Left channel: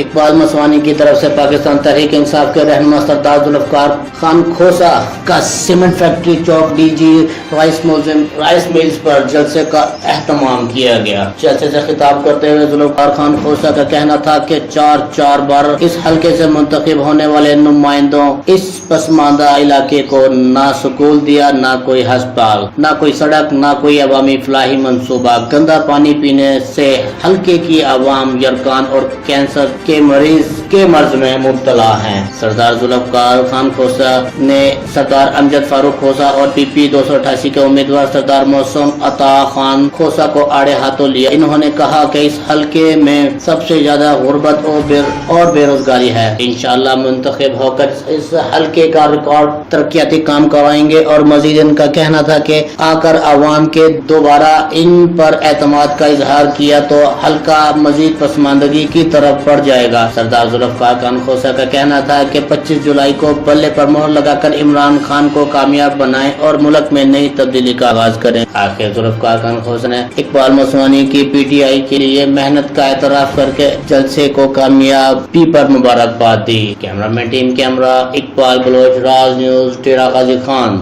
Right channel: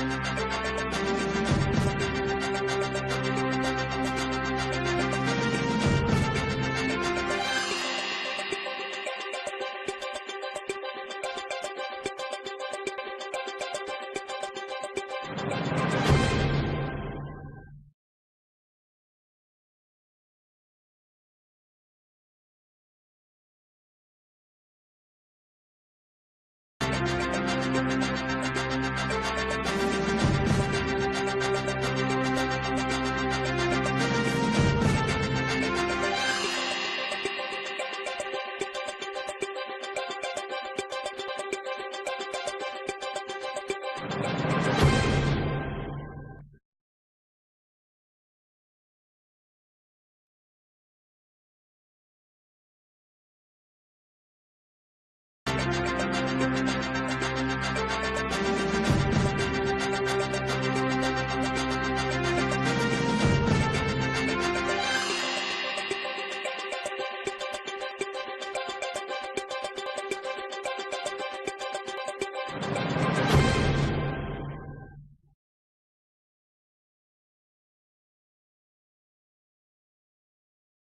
اقبال مسوانی کی طرف سے پاکستان تحریک انصاف کے رہنما سردار ذوالفقار خان کھوسہ کا سیمنٹ فیکٹری چوک ڈی جی رائس ملز پر جلسے کا اہتمام کیا گیا۔ جلسے سے خطاب کرتے ہوئے ذوالفقار خان کھوسہ کا کہنا تھا کہ چار بار اس حلقے سے منتخب ہونے والے نمائندوں اس پسماندہ علاقے کو نہ سکول دیا، نہ کوئی ہسپتال، نہ کوئی سڑک، نہ کوئی عوامی فلاحی منصوبہ۔ گندا پانی پینے سے حلقے کی عوام یرقان اور کینسر کے مرض میں مبتلا ہیں۔ سردار ذوالفقار خان کھوسہ نے سردار امجد فاروق کھوسہ اور پی پی 288 کے امیدوار سردار محسن عطا خان کھوسہ کو آڑے ہاتھوں لیا۔ انہوں نے کہا کہ اس حلقے میں سب سے زیادہ غربت اور بے روزگاری ہے۔ انشاءاللہ منتخب ہو کر اس حلقے کا ریکارڈ ترقیاتی کام کروائیں گے۔ اور مزید ان کا کہنا تھا کہ آ کر عوام کے دوبارہ ان پر اعتماد کا اظہار کیا تو حلقہ مزید پسماندگی کی طرف بڑھ جائے گا۔ سردار ذوالفقار خان کھوسہ کا کہنا تھا کہ 25 جولائی کو بلے پر مہر لگا کر عمران خان کو کامیاب بنائیں اور ملک میں نئی تبدیلی کا آغاز کریں۔ آخر ذوالفقار خان کھوسہ نے اقبال مسوانی کی پی ٹی آئی کے لیے محنت کا اعتراف کر کے جلسے کو کامیابی پر مبارکباد دی۔ کیمرہ مین ٹیم کیمرہ اقبال بلوچ، راز نیوز، ٹیرا غازی خان۔